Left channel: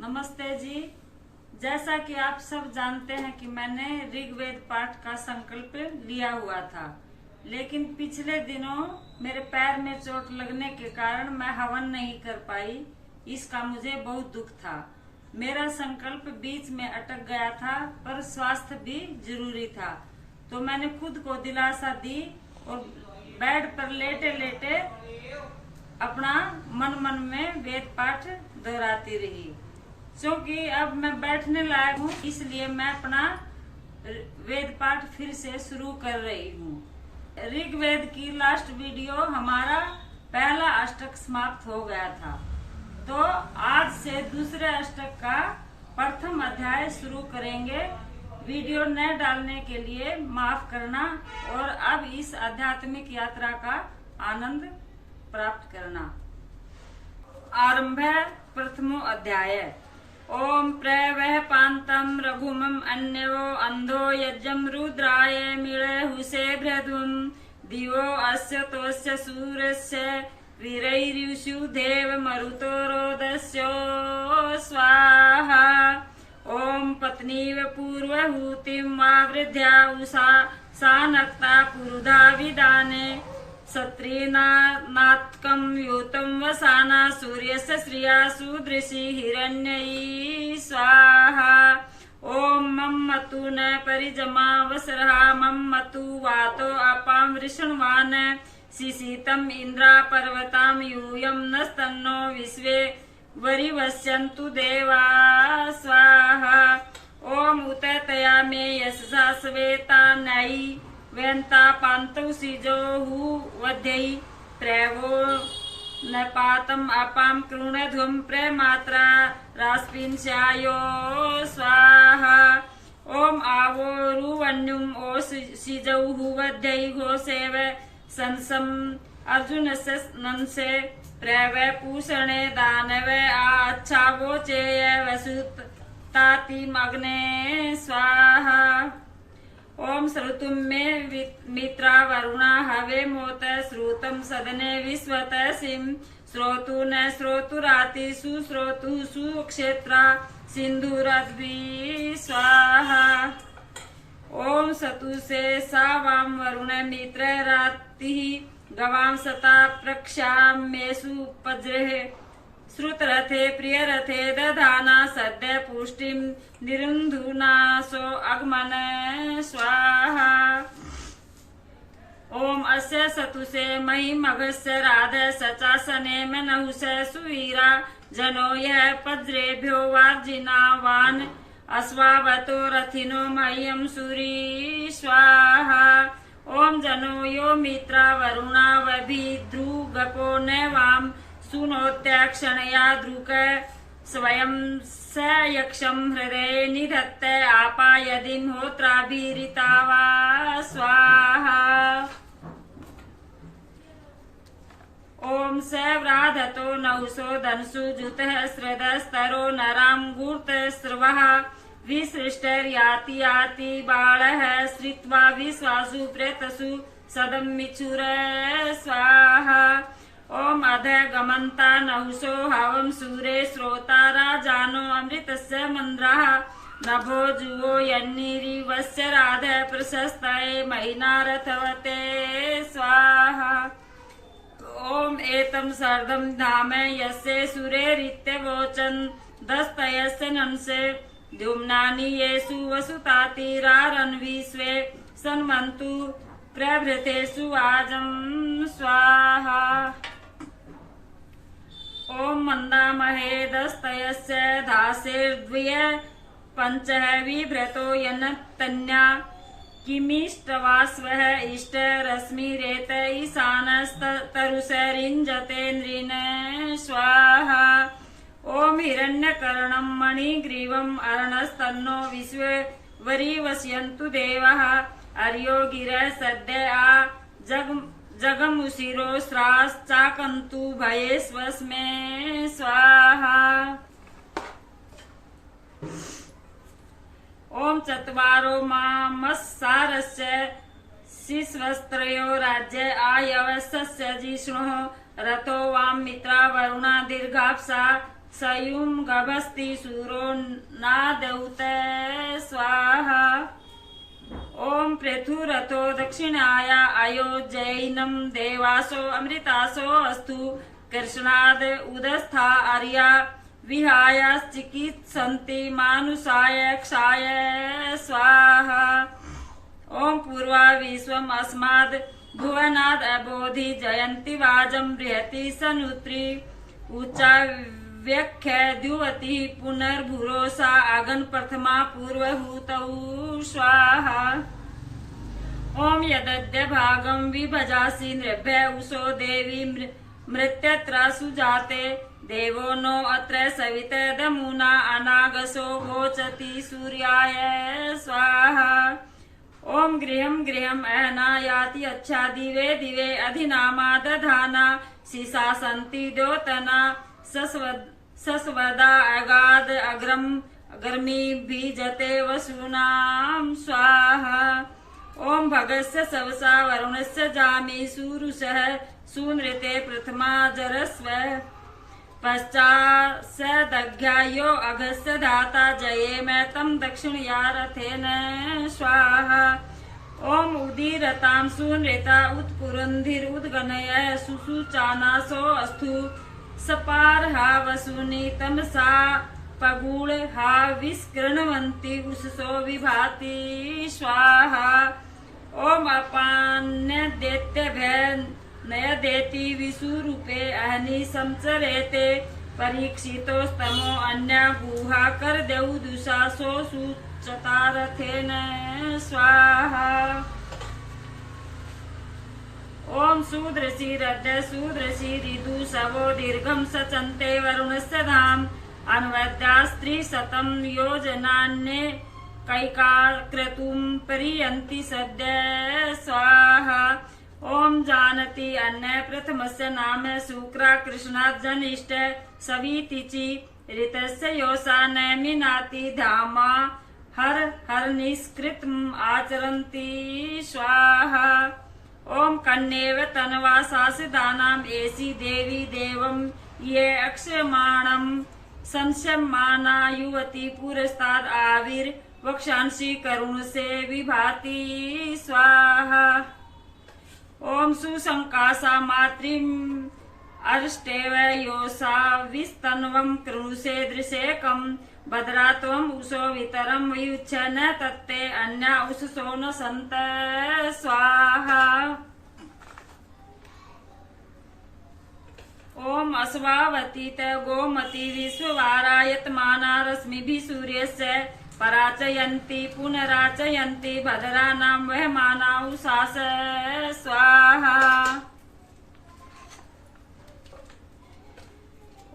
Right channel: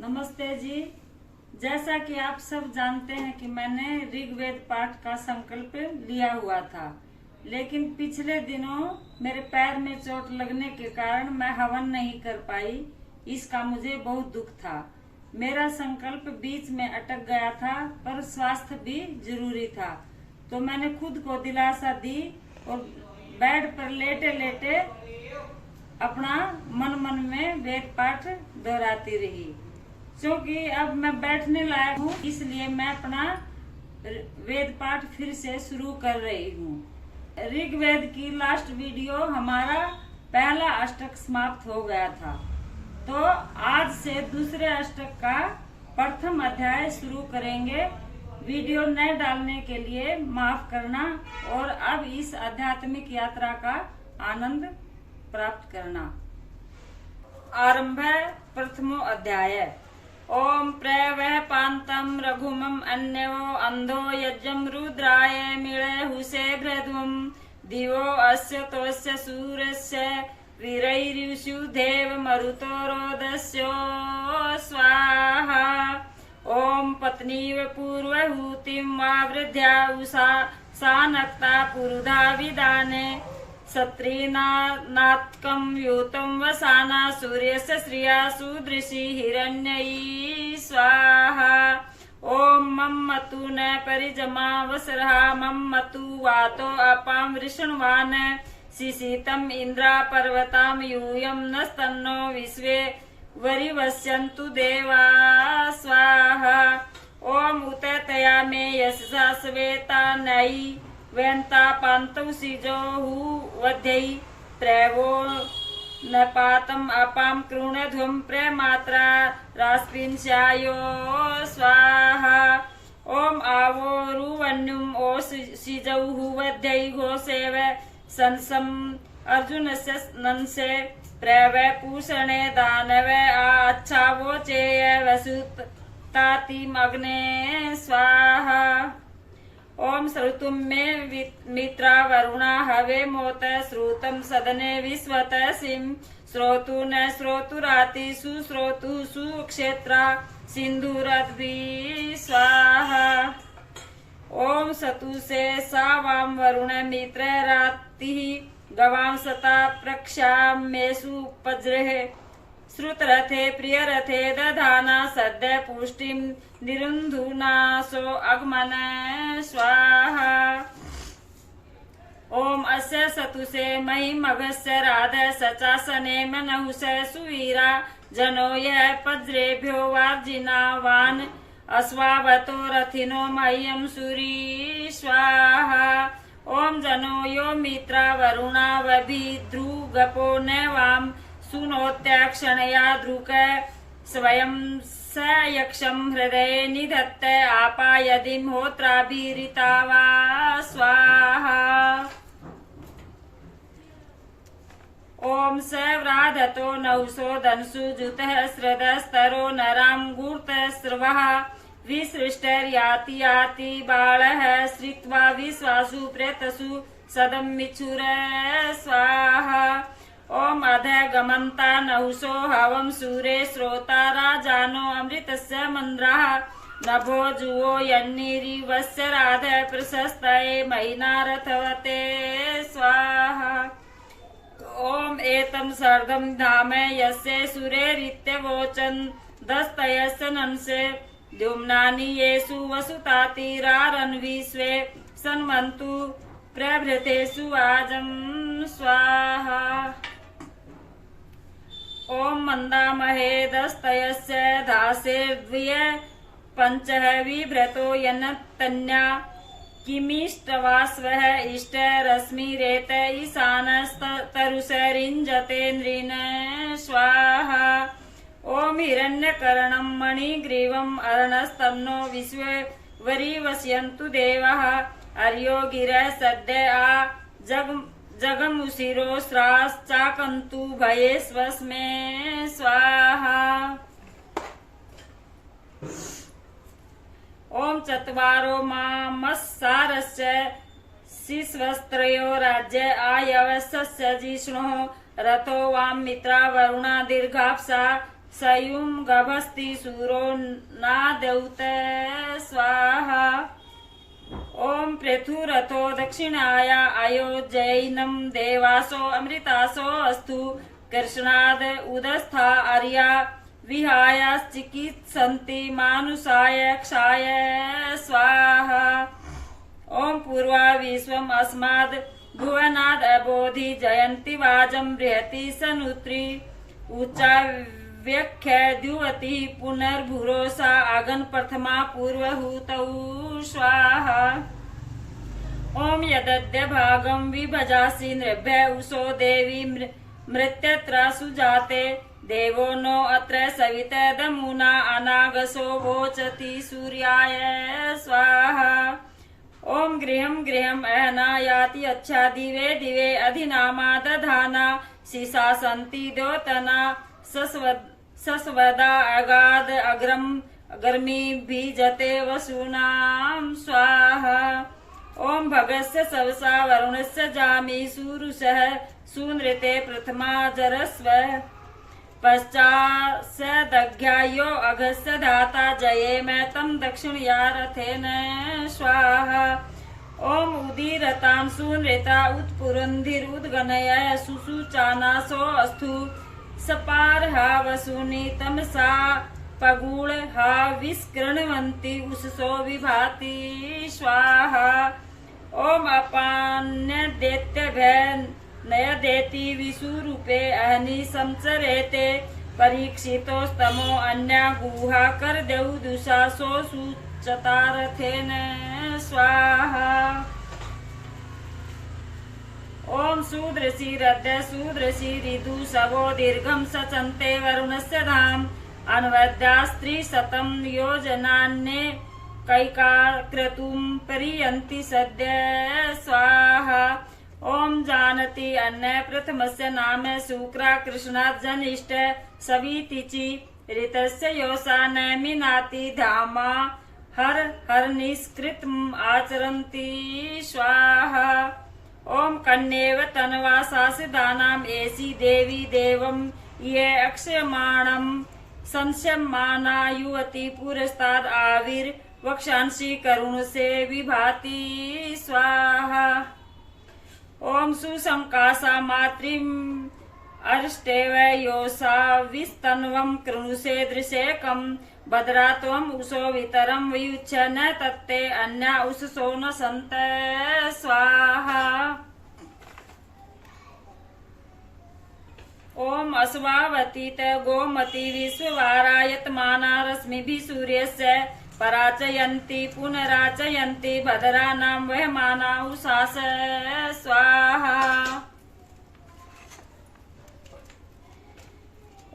नमस्ते जी। जैसा कि आप सब जानते हैं कि मैंने ऋग्वेद पाठ का संकल्प लिया हुआ था, लेकिन पिछले दिनों मेरे पैर में चोट लगने के कारण मैं हवन नहीं कर पाई। इसका मुझे बहुत दुख था। मेरा संकल्प बीच में अटक गया था, पर स्वास्थ्य भी जरूरी था, तो मैंने खुद को दिलासा दी और बेड पर लेटे लेटे अपना मन में वेद पाठ दोहराती रही। क्योंकि अब मैं बैठने लायक हूँ, इसलिए मैं अपना वेद पाठ फिर से शुरू कर रही हूँ। ऋग्वेद की लास्ट वीडियो हमारा पहला अष्टक समाप्त हो गया था, तो आज से दूसरे अष्टक का प्रथम अध्याय शुरू करेंगे। वीडियो न डालने के लिए माफ करना और अब इस आध्यात्मिक यात्रा का आनंद प्राप्त करना। आरंभ प्रथमो अध्याय। ओम प्रवह पांतम रघुमम अन्यो अंधो यज्ञम रुद्राय मिळे हुसे भ्रध्वम दिवो अस्य तोस्य सूर्यस्य वीरैर्युषु देव मरुतो रोदस्यो स्वाहा। ओम पत्नीव पूर्वहूतिं वा वृद्ध्या उषा सा नक्ता पुरुधा विदाने सत्रीनात्कं युतं वसाना सूर्यस्य श्रिया सुदृशी हिरण्यई स्वाहा। ओम मम मतु न परिजमा वसरहा मम मतु वातो अपां वृषण्वान् शिशितं इन्द्रा पर्वतां यूयं नस्तन्नो विश्वे वरिवस्यन्तु देवा स्वाहा। ओम उततया मे यशसा स्वेता नयि वेन्ता पान्तौ सिजोहु वध्यई प्रवो न पातम अपाम कृणध्वम प्रेमात्रा रास्पिंस्यायो स्वाहा। ओम आवो रुवन्युम ओ सिजौहु वध्यई घोषेव संसम अर्जुन से नंसे प्रव पूषणे दानव अच्छावो चेय वसुत तातिम अग्ने स्वाहा। ओम श्रुतुम मे मित्रा वरुणा हवे मोत श्रुतम सदने विश्वत सिम श्रोतु न श्रोतुराति सुश्रोतु सुक्षेत्रा सिंधुरद्भि स्वाहा। ओम सतु से सावाम वरुण मित्र राति गवाम सता प्रक्षामेषु पज्रे श्रुतरथे प्रियरथे दधाना सद्य पुष्टिं निरुन्धुनासो अग्मन स्वाहा। ओम अस्य सतुसे महिमघस्य राध सचासने मनहुष सुवीरा जनो यः पज्रेभ्यो वार्जिनावान् अश्वावतो रथिनो मह्यं सूरी स्वाहा। ओम जनो यो मित्रा वरुणा वभिद्रुगपो नवाम सुनोत्याक्षणया द्रुक स्वयं स यक्षं हृदये निधत्ते आपायदिं होत्राभिरिता वा स्वाहा। ओम स व्राधतो नहुषो धनसु जुतः स्रदस्तरो नरां गूर्तस्रवः विसृष्टर्याति याति बालः श्रित्वा विश्वासु प्रेतसु सदमिच्छुर स्वाहा। ओम अध गमन्ता नहुषो हवं सूरे श्रोता राजानो अमृतस्य मन्द्राः नभो जुवो यन्निरिवस्य राध प्रशस्तये महिना रथवते स्वाहा। ओम एतं सर्दं धाम यस्य सुरेरित्यवोचन् दस्तयस्य नंसे द्युम्नानि येषु वसुतातिरारन्विश्वे सन्वन्तु प्रभृतेषु आजं स्वाहा। ओम मंदामहे दस्तयस्य दासेर्द्वय पंचः विभ्रतो यन्तन्या किमिष्टवास्वः इष्ट रश्मिरेत ईशानस्तरुषरिञ्जते नृण स्वाहा। ओम हिरण्यकर्णं मणिग्रीवम् अर्णस्तन्नो विश्वे वरिवस्यन्तु देवाः अर्यो गिरः सद्य आ जगमुशिरो स्राश्चाकन्तु भयेष्वस्मे स्वाहा। ओम चत्वारो मामस्सारस्य शिश्वस्त्रयो राज्य आयवस्य जिष्णुः रथो वाम मित्रा वरुणा दीर्घाप्सा सयुम गभस्ति सूरो नादौते स्वाहा। ओम पृथुरथो दक्षिणाय अयोजैनम देवासो अमृतासो अस्तु कृष्णाद उदस्था आर्या विहाय चिकित्सन्ति मानुषाय क्षाय स्वाहा। ओम पूर्वा विश्वम अस्माद् भुवनाद् अबोधि जयन्ति वाजं बृहति सनुत्री ऊचा व्याख्या द्युवति पुनर्भुरोसा अगन प्रथमा पूर्वहूतौ स्वाहा। ओम यदद्य भागं विभजासि नृभ्य उषो देवी मृत्यत्र सुजाते देवो नो अत्र सविते दमुना अनागसो वोचति सूर्याय स्वाहा। ओम गृहं गृहं अहना याति अच्छा दिवे दिवे अधिनामा दधाना शिशा सन्ति द्योतना सस्वदा अगाध अग्रम अग्रमी बीजते वसूनां स्वाहा। ओम भगस्य सवसा वरुणस्य जामि सुरुषः सूनृते प्रथमा जरस्व पश्चादघ्यायो अघस्य धाता जये मैं तम दक्षिणया रथेन स्वाहा। ओम उदीरतां सूनृता उत्पुरन्धिरुद्गणय सुसुचानासो अस्तु सपारहा वसूनि तमसा पगूळहा विस्कृण्वन्ति उषसो विभाति स्वाहा। ओम अपान्यदेत्यभय नयदेति विषुरूपे अहनि संचरेते परीक्षितोस्तमो अन्या गुहा कर देउ दुषासो सुचतारथेन स्वाहा। ओम सुदृशी रद्य सुदृशी ऋतु सवो दीर्घं सचन्ते वरुणस्य धाम अन्वद्या स्त्रीशतं योजनान्ये कैकाक्रतुं परियन्ति सद्य स्वाहा। ओम जानति अन्य प्रथमस्य नाम शुक्रा कृष्णात् जनिष्ठ सवितिचि ऋतस्य योषा नैमिनाति धामा हर हर निष्कृतम् आचरन्ति स्वाहा। ओम कन्येव तन्वा सासिदानाम् एषि देवी देवं ये अक्षयमाणम् संशयमाना युवती पुरस्ताद् आविर्वक्षांसि करुणसे विभाति स्वाहा। ओम सुसंकासा मातृम् अरिष्टेव योषा विस्तन्वं कृणुषे दृशेकं भद्रा त्वम् उषो वितरं वियुच्छ न तत्ते अन्या उषसो न सन्त स्वाहा। ओम अस्वावतीत गोमती विश्ववारायतमाना रश्मिभिः सूर्यस्य पराचयन्ति पुनराचयन्ति भद्रानां वहमाना उषास स्वाहा।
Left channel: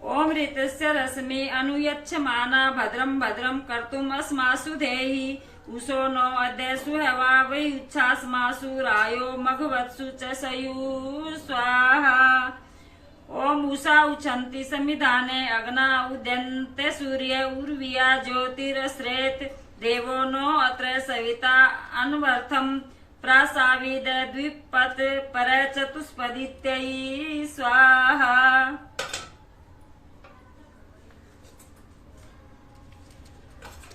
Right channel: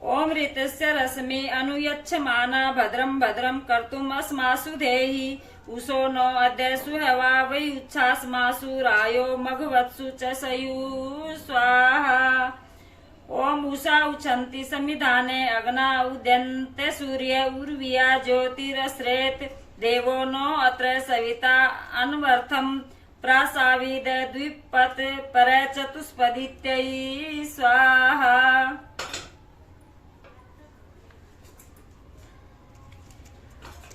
ओम ऋतस्य रश्मि अनुयच्छमाना भद्रं भद्रं कर्तुम् अस्मासु धेहि उषो नो अद्य सुहवा वयुच्छास्मासु रायो मघवत्सु च सयु स्वाहा। ओम उषा उछन्ति समिधाने अग्ना उद्यन्ते सूर्य उर्विया ज्योतिरश्रेत देवो नो अत्र सविता अन्वर्थं प्रासाविद द्विपत् पर चतुष्पदित्यै स्वाहा।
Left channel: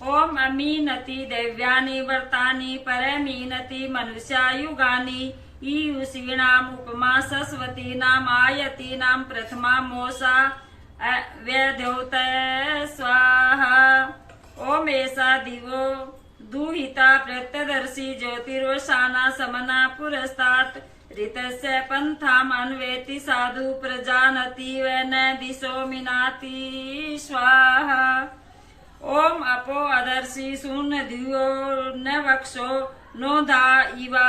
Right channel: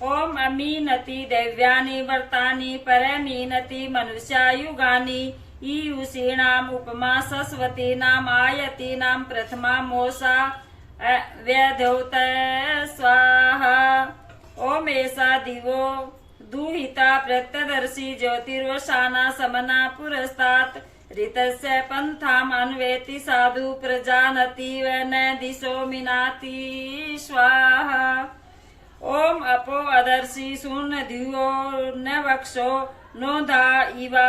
ओम अमीनति दैव्यानि व्रतानि परमीनति मनुष्यायुगानि ईयुषीणाम् उपमा सरस्वतीनाम् आयतीनां प्रथमा मोषा व्यधौत स्वाहा। ओम एषा दिवो दुहिता प्रत्यदर्शी ज्योतिर्वशाना समना पुरस्तात् ऋतस्य पन्थाम् अन्वेति साधु प्रजानति व न दिशो मिनाति स्वाहा। ओम अपो अदर्शी शून्यधियो न वक्षो नोधा इवा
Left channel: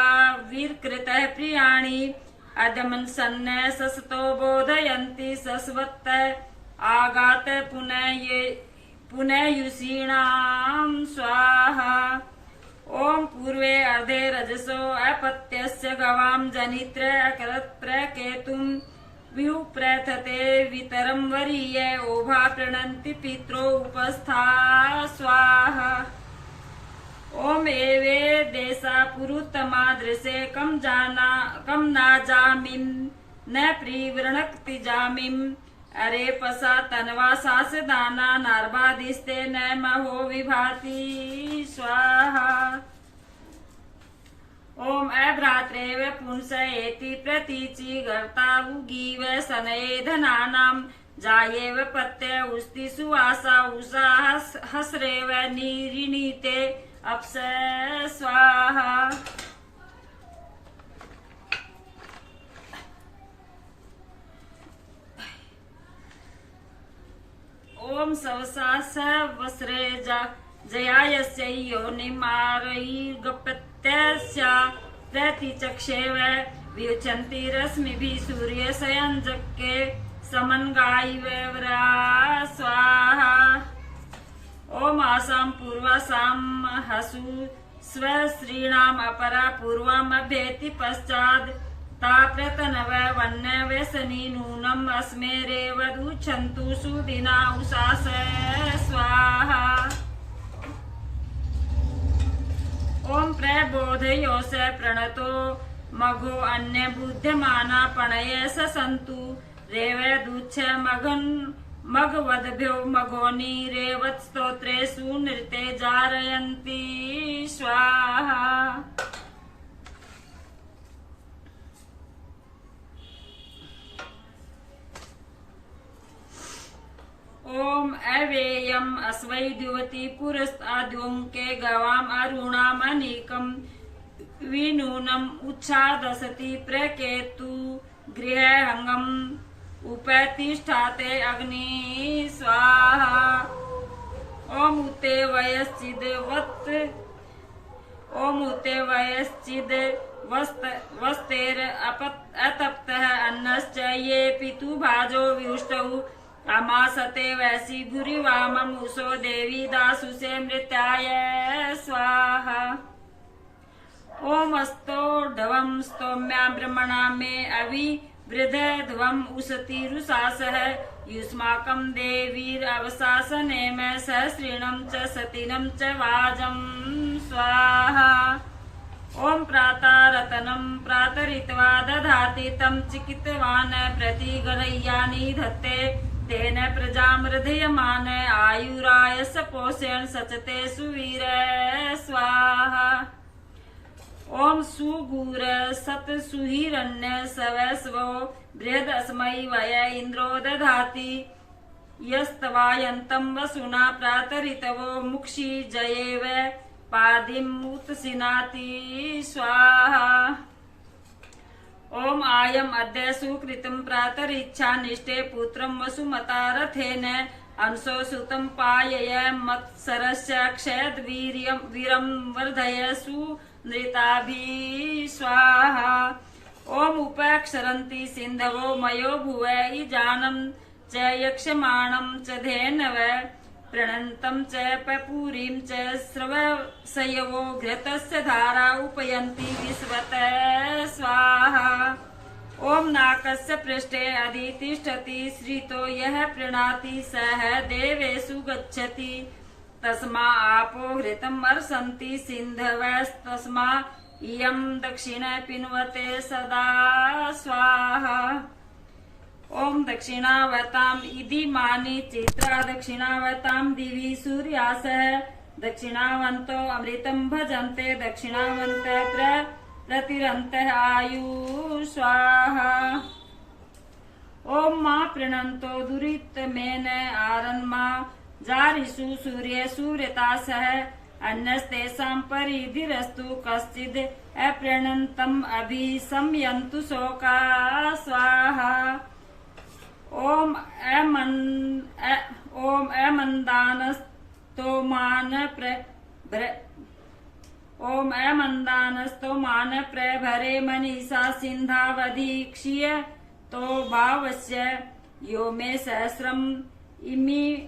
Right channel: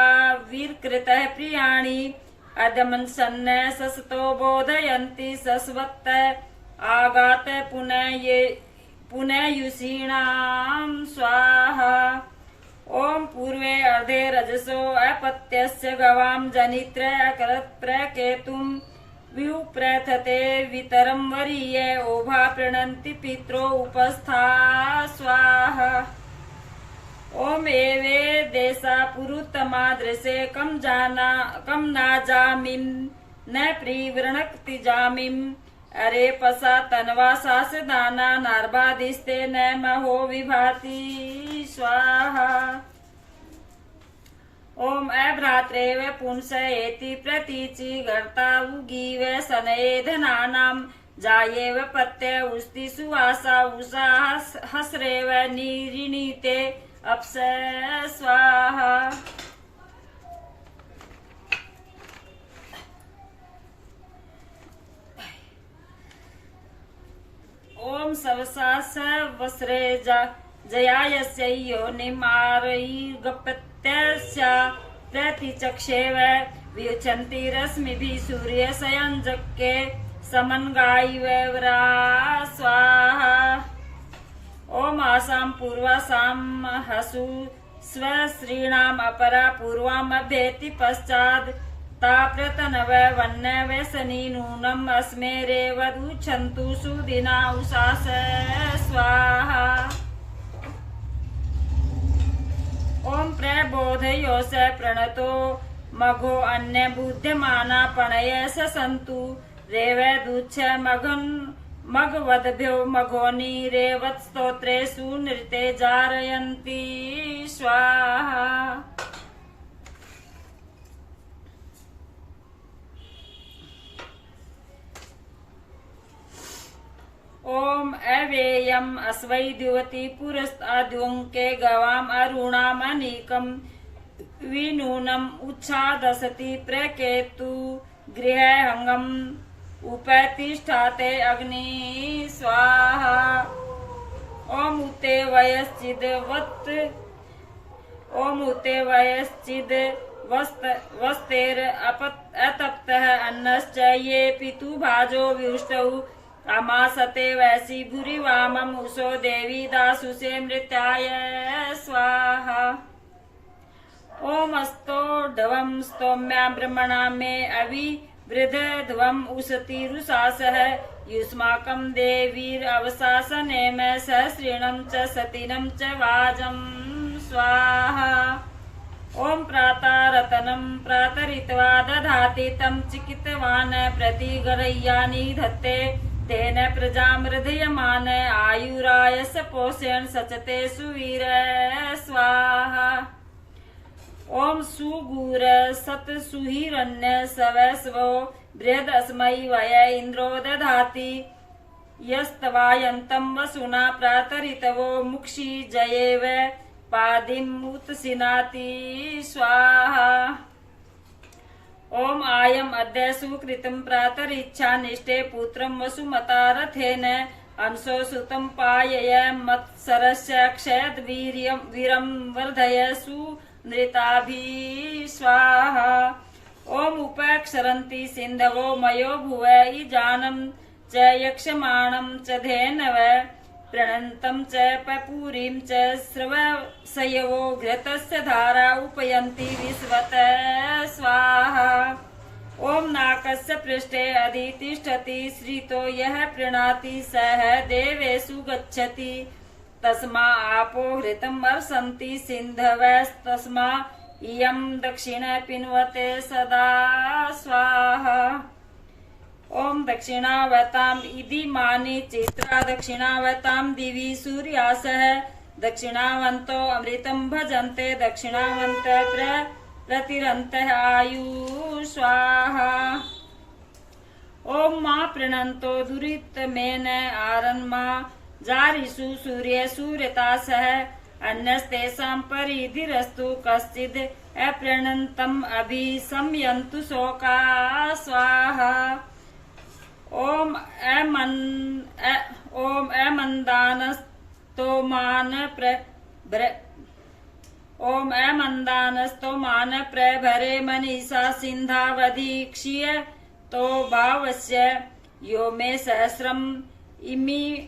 वीरकृतः प्रियाणि अदमन सन्न ससतो बोधयन्ति सस्वत्त आगात पुनयुषीणां स्वाहा। ओम पूर्वे अर्धे रजसो अपत्यस्य गवां जनित्र अकरत् प्रकेतुं व्युप्रथते वितरं वरीये ओभा प्रणन्ति पित्रो उपस्था स्वाहा। ओम एवे देशा पुरुतमा दृशे कम नाजामिं न प्रीवृणक्ति जामिं अरे पसा तनवा सास दाना नार्भादिस्ते न महो विभाति स्वाहा। ओम अभ्रात्रेव पुंसयेति प्रतीचि गर्ता उगीव सनये धनानां जायेव पत्य उस्ति सुवासा उषा हसरेव निरीणीते अप्स स्वाहा। ओम सवसा सवस्रे जयायस्य योनिमारयिर्गपत्यस्या प्रतिचक्षेव वियुच्छन्ति रश्मिभिः सूर्यसंयञ्जके समन्गायिवरा स्वाहा। ओम आसां पूर्वासां हसु स्वश्रीणाम् अपरा पूर्वामभ्येति पश्चात् ताप्रतनव वन्नवेसनी नूनम् अस्मेरेवदुच्छन्तु सुदिना उषास स्वाहा। ओम प्रबोधयोस प्रणतो मघो अन्य बुध्यमाना पणय सन्तु रेवदुच्छ मघवद्भ्यो मघोनि रेवत्स्तोत्रेषु नृते जारयन्ति स्वाहा। ओम अव्ययम् अस्वै द्युवति पुरस्ताद्युङ्के गवाम् अरुणाम् अनीकम् विनूनम् उच्छादसति प्रकेतु गृहहङ्गम् उपतिष्ठाते अग्नि स्वाहा। ओम उते वयश्चिद् वस्तेर अतप्तः अन्नश्च ये पितु भाजो विष्टौ अमासते वैसी भूरि वामम् उषो देवी दासुषे मृत्याय स्वाहा। ओम अस्तोढवम् स्तोम्या ब्रह्मणा मे अविवृधध्वम् उशतिरुषासः युष्माकम् देवीरवशासनेम सहस्रिणम् च सतिनम् च वाजम् स्वाहा। ओम प्रातरतनम् प्रातरित्वा दधाति तम् चिकित्वान् प्रतिगरय्यानि धत्ते तेन प्रजाम् हृदयमान आयुरायस पोषेण सचते सुवीर स्वाहा। ओम सुगूर सत सुहिरण्य सवस्वो बृहदस्मै वय इन्द्रो दधाति यस्तवायन्तम् वसुना प्रातरितवो मुक्षि जयेव पादिमुत्सिनाति स्वाहा। ओम आयम् अद्य सुकृतम् प्रातरिच्छा निष्ठे पुत्रम् वसुमता रथेन अंशो सुतम् पायय मत्सरस्य क्षयद् वीरम् वर्धय सुनृताभिः स्वाहा। ओम उपक्षरन्ति सिन्धवो मयो भुव इजानम् च यक्षमाणम् च धेनव प्रणन्तम् च पपूरीम् च स्रवसयवो घृतस्य धारा उपयन्ति विश्वत स्वाहा। ओम नाकस्य पृष्ठे अधितिष्ठति श्रितो यः प्रीणाति सः देवेषु गच्छति तस्मा आपो घृतम् अर्षन्ति सिन्धवस्तस्मा इयम् दक्षिण पिन्वते सदा स्वाहा। ओम दक्षिणावताम् इदिमानि चित्रा दक्षिणावताम् दिवि सूर्यासः दक्षिणावन्तो अमृतम् भजन्ते दक्षिणावन्त प्रतिरन्तः आयु स्वाहा। ओम मा प्रणन्तो दुरितमेन आरन्मा जारिषु सूर्य सूर्यतासः अन्यस्तेषाम् परिधिरस्तु कश्चिद् अप्रणन्तम् अभिसंयन्तु शोका स्वाहा। ओम अमन्दानस्तोमान प्रभरे मनीषा सिन्धावधीक्ष्य तो भावस्य यो मे सहस्रम् इमितसवान्।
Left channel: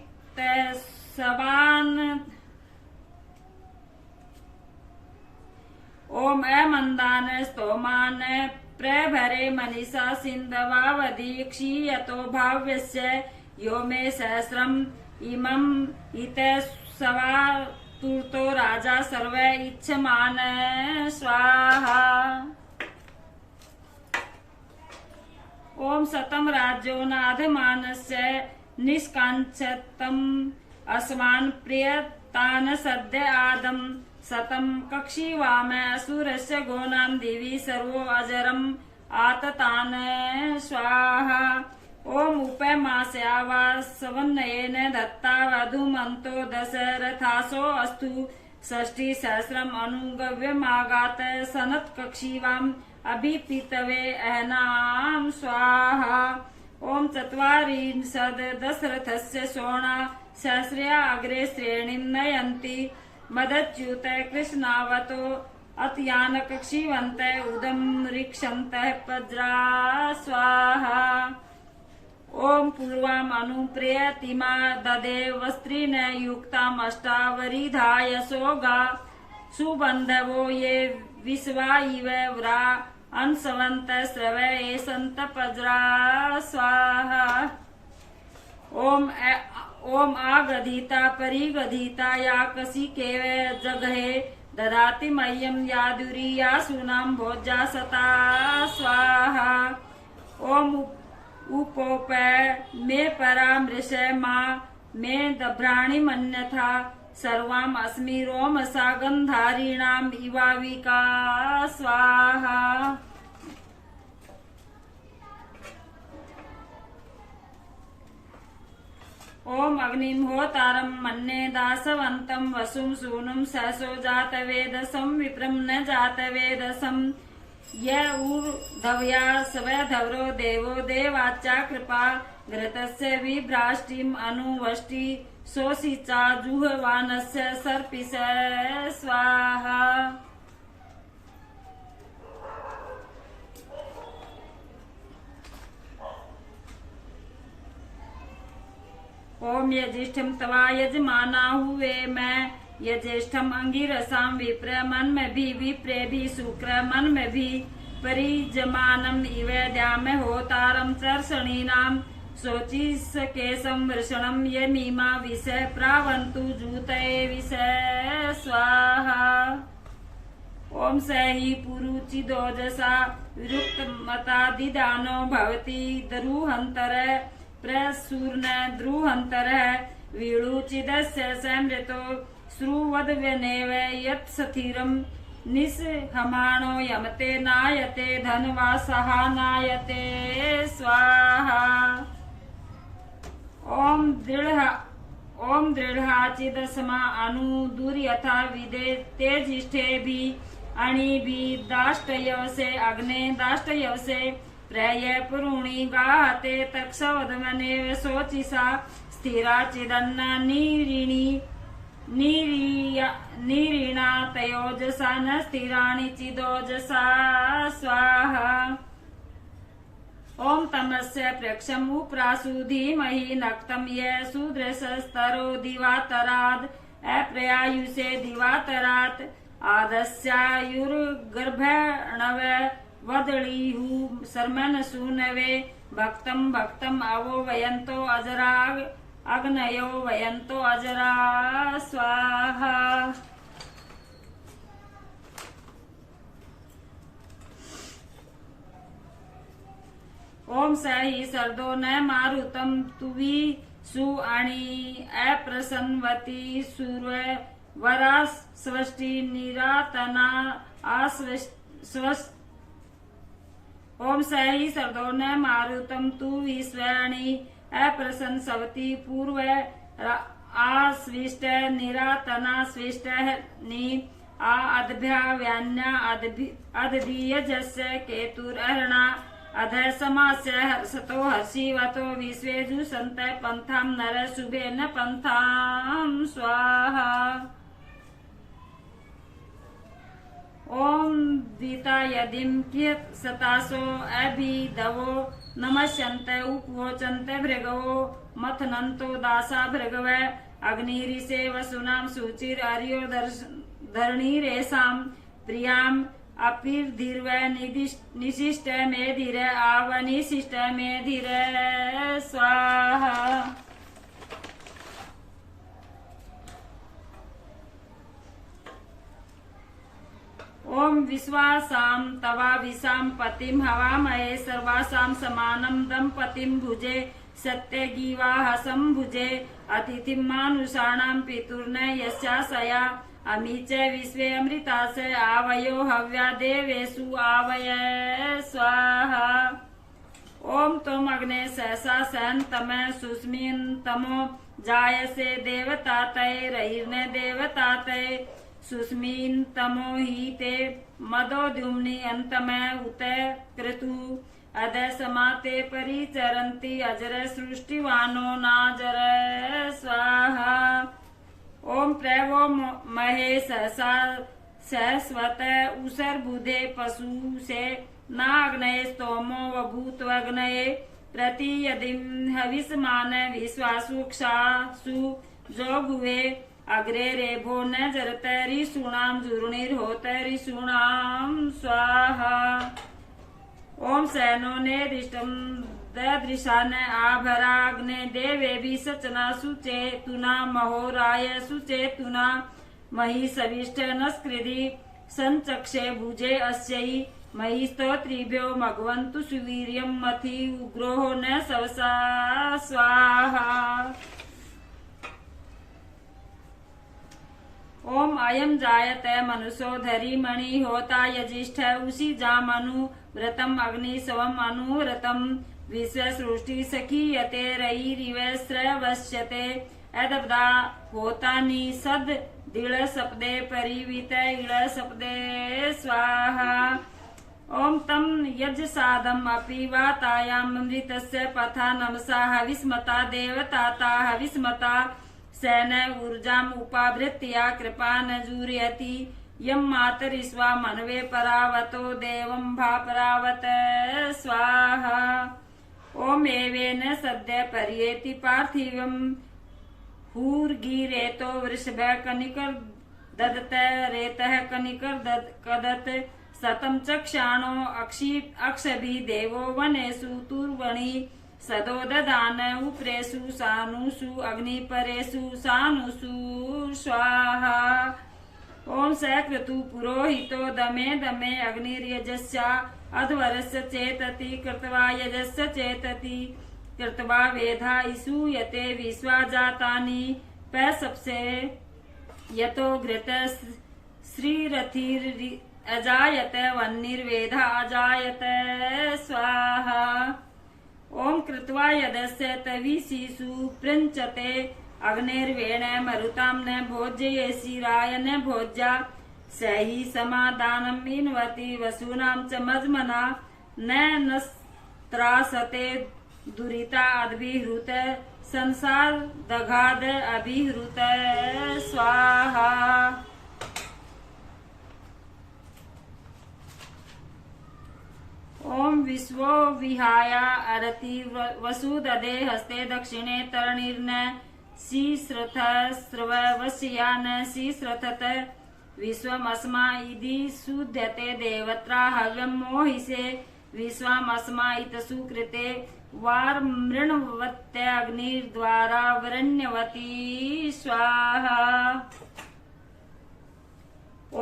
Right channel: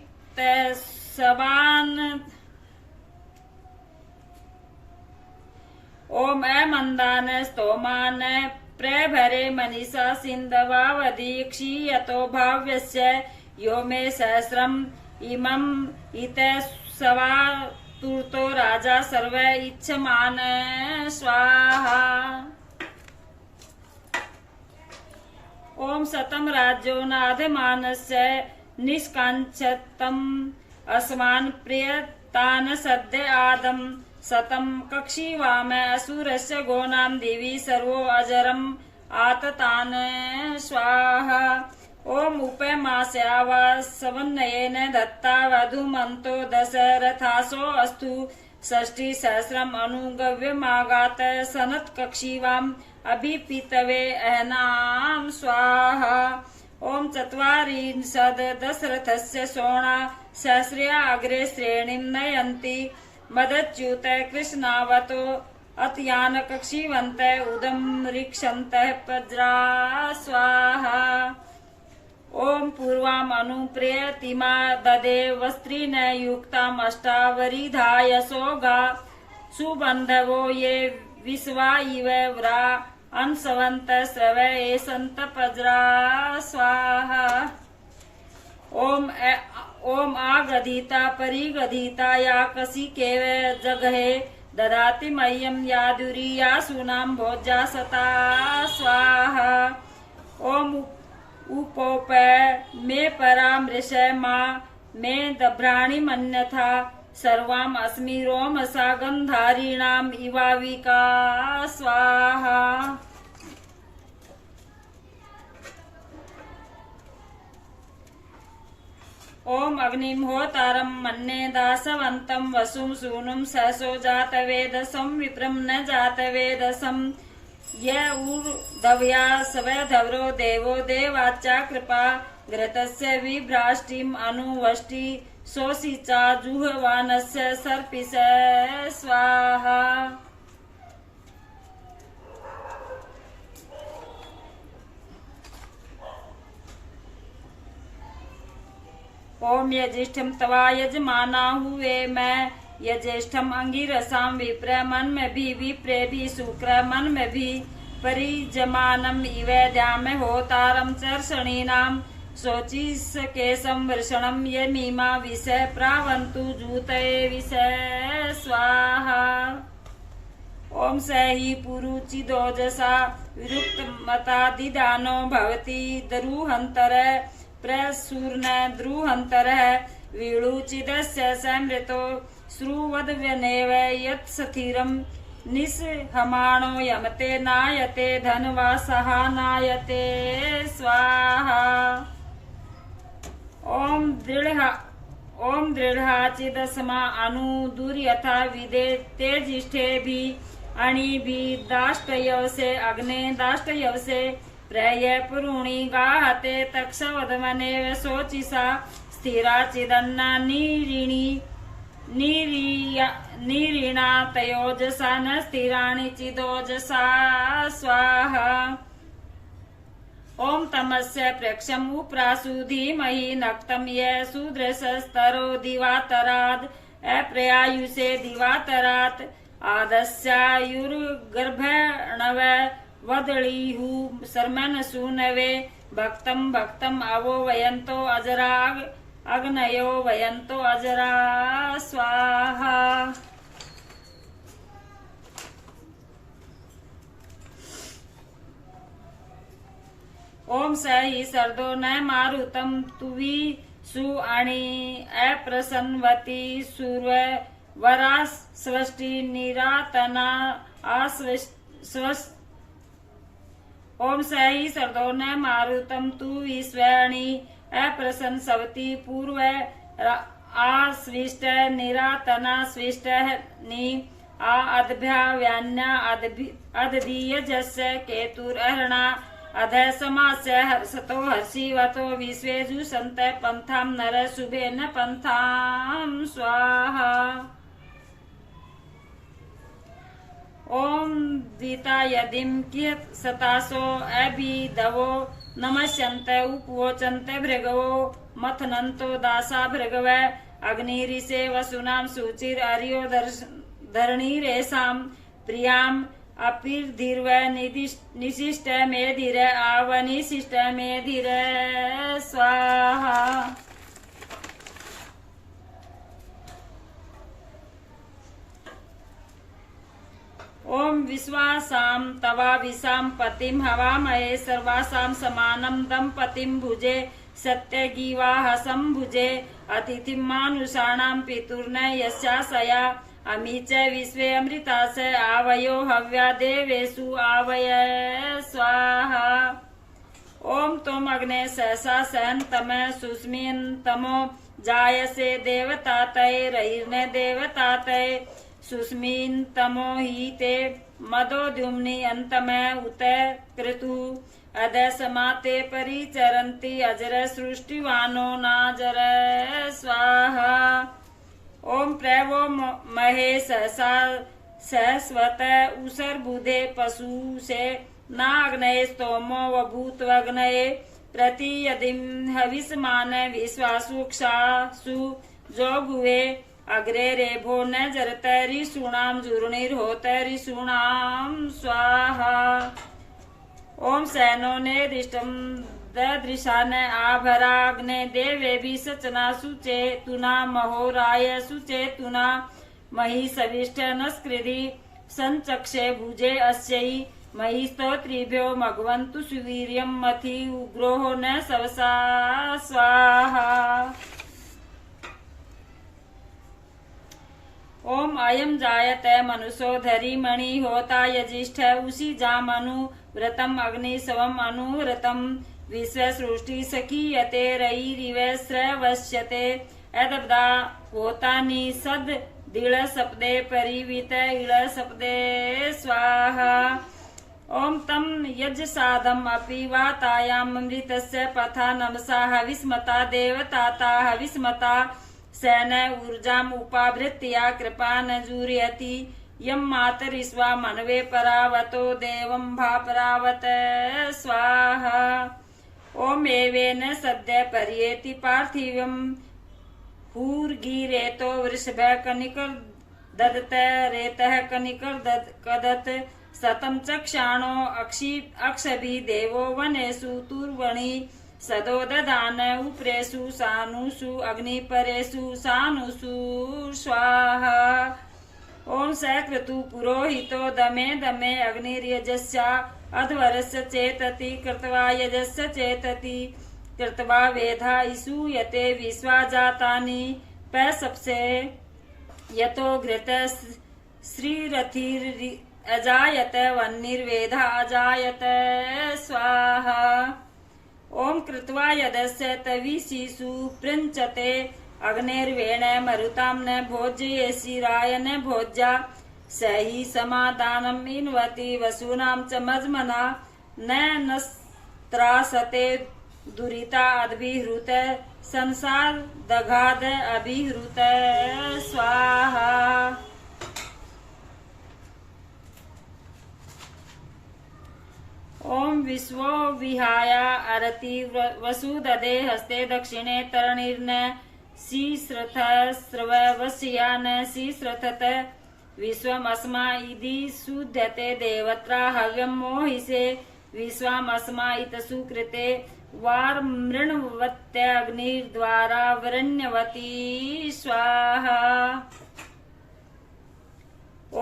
ओम अमन्दानस्तोमान प्रभरे मनीषा सिन्धवावधीक्ष्यतो भाव्यस्य यो मे सहस्रम् इमम् इतसवा तूर्तो राजा सर्व इच्छमान स्वाहा। ओम शतम राज्यो नाधमानस्य निष्काञ्चतम् अस्मान् प्रियतान् सद्य आदम शतम कक्षीवाम असुरस्य गोनाम देवी सर्वो अजरम आततान स्वाहा। ओम उपमास्यावा सवन्नयेन दत्ता वधूमन्तो दशरथासो अस्तु षष्टि सहस्रम अनुगव्यमागात सनत कक्षीवाम अभिपितवे अहनाम स्वाहा। ओम चत्वारिंशद् दशरथस्य सोणा सहस्र्या अग्रे श्रेणीं नयन्ति मदच्युत कृष्णावतो अतयान कक्षीवन्त उदम ऋक्षन्तः पज्रा स्वाहा। ओम पूर्वाम अनुप्रेयतिमा ददे वस्त्रेण युक्ताम अष्टावरिधायसोगा सुबन्धवो ये विश्वा इव व्रा अंशवन्त स्रव एसन्त पज्रा स्वाहा। ओम आगधिता परिगधिता या कसी केव जगहे ददाति मह्यम यादुरी या सुनाम भोज्या सता स्वाहा। ओम उपोप मे परामृश मा मे दभ्राणि मन्यथा सर्वाम अस्मि रोमसा गंधारीणाम इवाविका स्वाहा। ओम अग्निहोतारं मन्ये दासवन्तं वसुं सूनुं सहसो जातवेदसं विप्रं न जातवेदसं य ऊर्ध्वया स्वधवरो देवो देवाच्चा कृपा घृतस्य विभ्राष्टिम् अनुवष्टि शोषिचा जुह्वानस्य सर्पिष स्वाहा। ओम यज्येष्ठम तवा यजमाना हुए मैं यज्येष्ठम अंगिरसाम विप्र मन में भी विप्रे भी शुक्र मन में भी परिजमानम इवेद्याम होतारम चर्षणीनाम शोचिस केशम वृषणम ये मीमा विषय प्रावंतु जूतये विषय स्वाहा। ओम सही पुरुचिदोजसा विरुक्त मतादिदानो भवति द्रुहंतर प्रसूर्ण द्रुहंतर वीळुचिदस्य समृतो श्रुवद्व्यनेव यत्सथिरं निस्हमाणो यमते नायते धनवासः नायते स्वाहा। ओम दृढ़ाचिदस्मा अनुदुर्यथा विदे तेजिष्ठे भी अणि भी दाष्टयवसे अग्ने दाष्टयवसे प्रय पुरुणी गाहते तक्षवधमनेव शोचिसा स्थिराचिदन्न नीरिणा तयोजसा न स्थिराणि चिदोजसा स्वाहा। ओम तमस्य प्रेक्षम उप्रासु धीमहि नक्तम ये सुदृशस्तरो दिवातराद अप्रयायुषे दिवातरात आदस्यायुर्गर्भणव वदळीहु शर्मन सूनवे भक्तम भक्तम आवो वयंतो अजराग अग्नयो वयंतो अजरा स्वाहा। ओम सही सर्दो न मारुतम तुवी सु आणि अप्रसन्वती सूर्व वरा स्वष्टि निरातना ओम सही सर्दो न मारुतम तु विश्वाणी अप्रसन्न सवती पूर्व आस्विष्ट निरातना स्विष्ट नि अदभ्याव्यान्या अदधीयजस्य केतुरहरणा अध समास्य हर्षतो हर्षिवतो विश्वेजु संत पंथाम नर शुभेन पंथाम स्वाहा। ओम दीता यदिम कियत सतासो अभिदवो नमस्यन्त उपवोचन्त भृगवो मथनन्तो दासा भृगव अग्निरिसे वसुनाम सुचिर अर्यो धरणीरेषां प्रियाम अपिर्धीर्व निशिष्ट मेधिर आवनिशिष्ट मेधिर स्वाहा। ओम विश्वासां तवाविशां पतिं हवामहे सर्वासां समानं दम्पतिं भुजे सत्यगीवाः सम्भुजे अतिथिं मानुषाणां पितुर्न यस्याशया अमी च विश्वे अमृतास आवयो हव्या देवेषु आवय स्वाहा। ओम तुम अग्ने सहसा सहन तमः सुस्मिन तमो जायसे देवतातये रहिर्ने देवतातये सुस्मिन तमो ही ते मदोद्युम्नि अंतमय उतय क्रतु अद समाते परिचरन्ति अजर सृष्टिवानो नाजर स्वाहा। ओम प्रवो महे सहसा सहस्वत उसर बुधे पशु से नाग्नये स्तोमो वभूत्वग्नये प्रतियदिं हविष्मान विश्वासुक्षासु जोगुवे अग्रे रेभो न जरत ऋषूणां जुर्णिर्होत ऋषूणां स्वाहा। ओम सैनो ने रिष्टम ददृशान आभराग्ने देवेभि सचना सुचेतुना महोराय सुचेतुना मही सविष्ट नस्कृधि संचक्षे भुजे अस्यै मही स्तोत्रिभ्यो मघवन्तु सुवीर्यं मथि उग्रोः न सवसा स्वाहा। ओम अयम जायते मनुषो धरी मणि होता यजिष्ठ उसी जामनु व्रतम अग्नि सवम अनुव्रतम विश्व सृष्टि सखीयते रईरिव श्रवश्यते एतब्दा होतानि सद दिळ सपदे परिवित इळ सपदे स्वाहा। ओम तम यज साधम अपि वातायाम अमृतस्य पथा नमसा हविस्मता देवताता हविस्मता सेन ऊर्जाम उपावृत्या कृपा न जूर्यति यम मातरिस्वा मनवे परावतो देवं भापरावत स्वाहा। ओम एवेन सद्य पर्येति पार्थिवं हूर्गिरेतो वृषभ कनिकर ददत रेतः कनिकर कदत सतम चक्षाणो अक्षभि देवो वनेषु तुर्वणि सदो ददान उप्रेषु सानुषु अग्निपरेषु सानुषु स्वाहा। ओम सकृतु पुरोहितो दमे दमे अग्निर्यजस्या अध्वरस्य चेतति कृत्वा यजस्य चेतति कृत्वा वेधा इसूयते विश्वा जातानि पैसप्से यतो घृत श्रीरथिर् अजायत वह्निर्वेधा अजायत स्वाहा। ओम कृत्वा यदस्य तविषीषु पृञ्चते अग्निर्वेण मरुतां न भोज्येषि राय न भोज्या स हि समादानम् इन्वति वसूनां च मज्मना न नस्त्रासते दुरिता अभिहृत संसार दघाद अभिहृत स्वाहा। ओम विश्वो विहाया अरति वसुददे हस्ते दक्षिणे तरणिर्न शीश्रथ स्रवस्या न शीश्रथत विश्वमस्मा इति शुध्यते देवत्रा हव्यं मोहिषे विश्वमस्मा इतसु कृते वार्मृण्वत्य अग्निर्द्वारा वरण्यवती स्वाहा।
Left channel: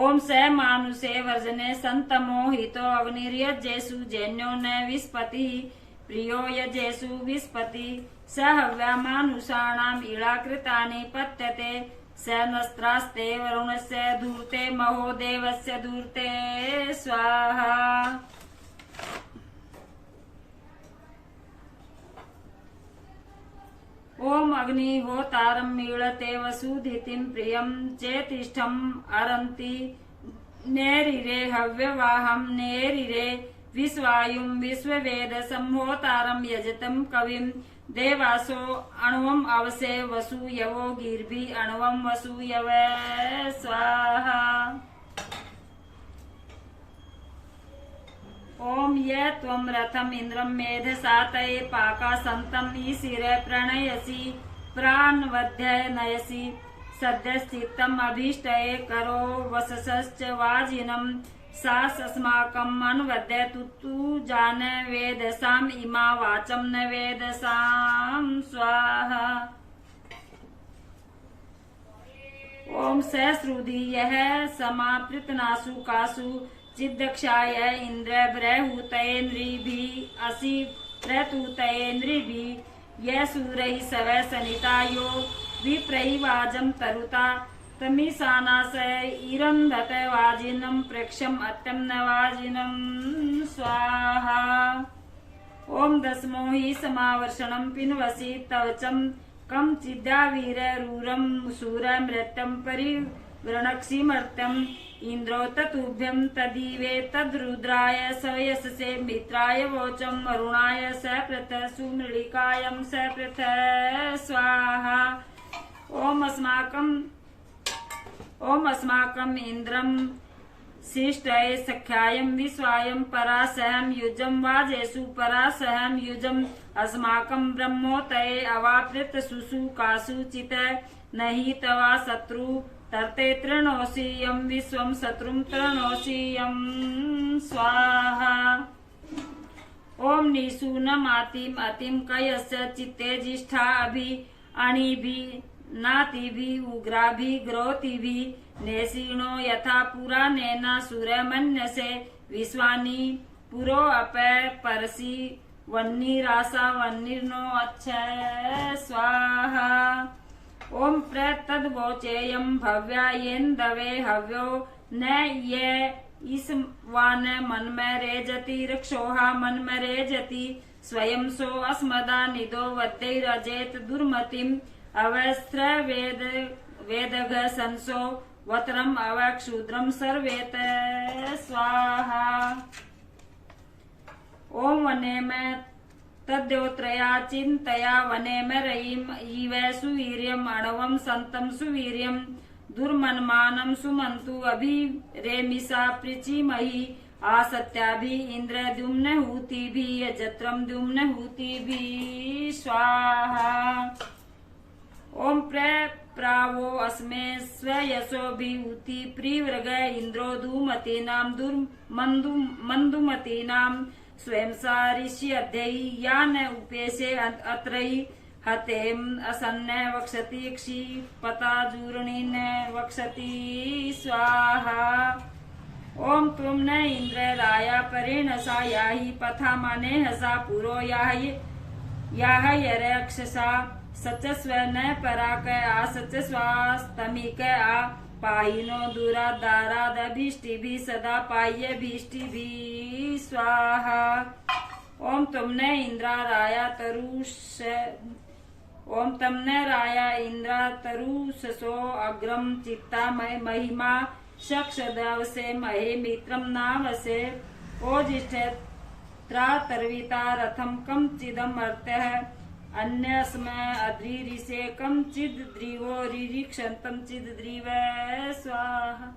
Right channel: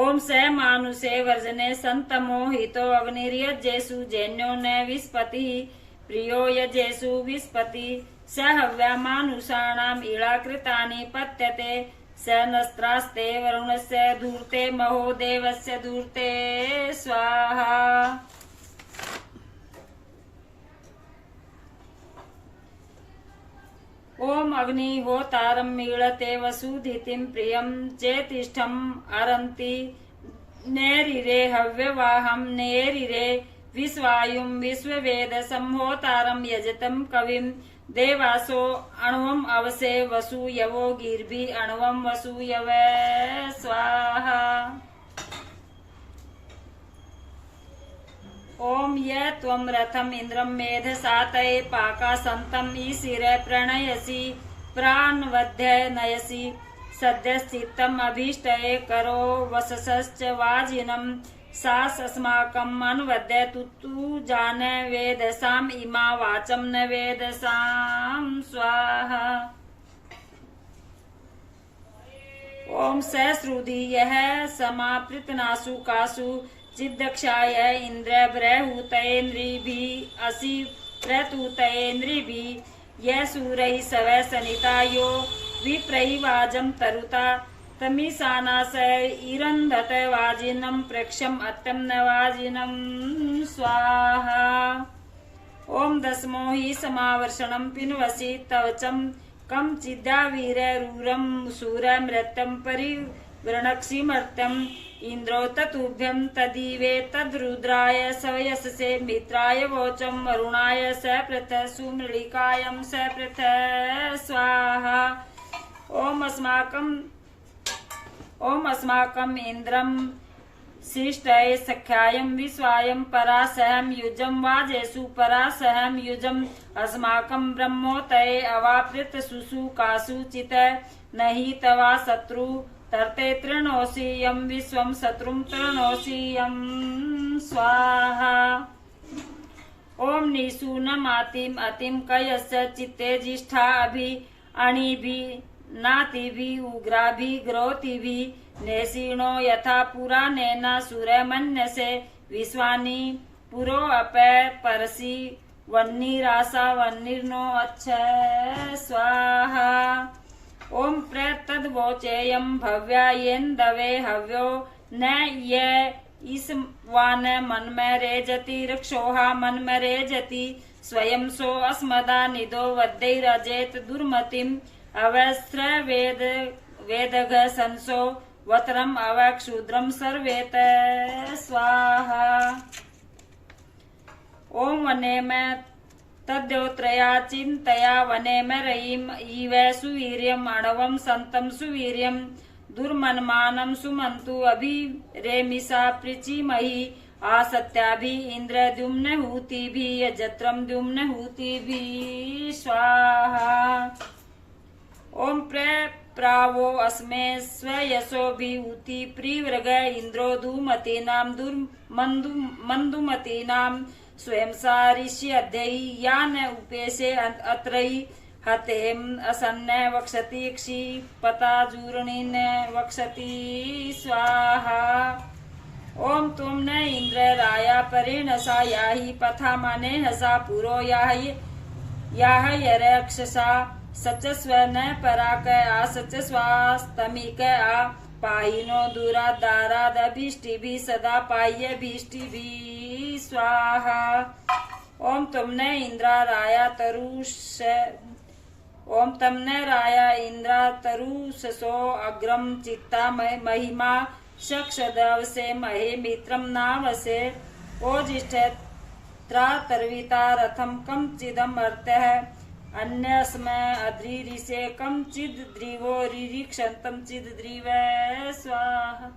ओम स मानुषे वर्जने संतमोहितो अग्निर्यजेषु जैन्यो न विस्पति प्रियो यजेषु विस्पति स हव्या मानुषाणाम् इळाकृतानि पत्यते स नस्त्रास्ते वरुणस्य धूर्ते महो देवस्य धूर्ते स्वाहा। ओम अग्निहोतारं मीळते वसुधितिं प्रियं चेतिष्ठम् अरन्ति नेरिरे हव्यवाहं नेरिरे विश्वायुं विश्ववेद संहोतारं यजतं कविं देवासो अणुवम् अवसे वसूयवो गिर्भि अणुवं वसूयव स्वाहा। ओम ये त्वं रथम् इन्द्रं मेधसातये पाकासन्तं ईशिर प्रणयसि प्राणवध्य नयसि सद्यस्थितम् अभीष्टये करो वससश्च वाजिनं सासस्माकम् अनुवद्य तु जान वेदसाम् इमा वाचं न वेदसाम् स्वाहा। ओम सहस्रुधि यः समापृतनासु कासु चिद्दक्षाय इंद्र बृहूतयेन्द्रिभिः असि प्रतूतयेन्द्रिभिः ये सूरैः सवै सनितायो विप्रैवाजं तरुता तमीसानास इरंधत वाजिनं प्रेक्षम अत्यम नवाजिनं स्वाहा। ओम दसमो हि समावर्षणं पिन्वसि तवचं कम चिद्यावीररूरं सूरमृत्यं परिवृणक्षिमर्त्यम् इंद्रो ततुभ्यं तदीवे तद्रुद्राय सवयससे मित्राय वोचं वरुणाय स पृथ सुमृळिकायं स पृथ स्वाहा। ओम अस्माकं इंद्रं शिष्टये सख्यायं विश्वायं परासहं युजं वाजेषु परासहं युजम् अस्माकं ब्रह्मोतये अवाप्रित सुसुकासु चित नहि तवा शत्रु तरते तृणोषि यं विश्वं शत्रुं तृणोषि यं स्वाहा। ओम निशूनमातिम अतिम कयस्य चित्ते जिष्ठा अभि अणिभि नातिभि उग्राभि ग्रोतिभि नेसीणो यथा पुराणेन सूर्यमन्यसे विश्वानि पुरो अपे परसि वह्निरासा वह्निर्नो अच्छ स्वाहा। ओम प्रतद्वोचेयं भव्यायेन्दवे हव्यो न ये ईस्वान मन्मे रेजति रक्षोहा मन्मे रेजति स्वयं सो अस्मदा निदो वद्दैरजेत दुर्मतिम् अवस्त्र वेदघ संसो वत्रम अवक्षुद्रम सर्वेत स्वाहा। ओम वने में तद्योत्रया चिंतया वने में रयिम ईवे सुवीर्यम अणवम संतम सुवीर्यम दुर्मन्मानं सुमन्तु अभि रेमिसा प्रीचिमहि आसत्याभि इंद्रद्युम्न हूतिभि यजत्रम द्युम्न हूतिभि स्वाहा। ओम प्रावो अस्मे स्वयशोभिहूति प्रिवृग इंद्रो धूमतीनां मंदुमतीनां स्वयं सारिष्य अध्ययी यान उपेशे अत्रयी हतेम असन्न वक्षति क्षिपताजूर्णिन वक्षति स्वाहा। ओम तुम न इंद्र राया परेणसा याहि पथा माने हसा पुरो याह यरक्षसा सचस्व न पराक आ सचस्वास्तमिक आ पाहिनो दूरा दारादभीष्टिभि सदा पाह्य भीष्टिभि स्वाहा। ओम तुमने इंद्रा राया तरुष ओम तमने राया इंद्रा तरुषसो अग्रम चित्ता महिमा शक्षदवसे महे मित्रम नावसे ओजिष्ठ त्रातर्विता रथम कम चिदम अर्त्यः अन्यस्मै अद्रिरिसे कम चिद् द्रिवो रिरिक्षन्तं चिद् द्रिव स्वाहा।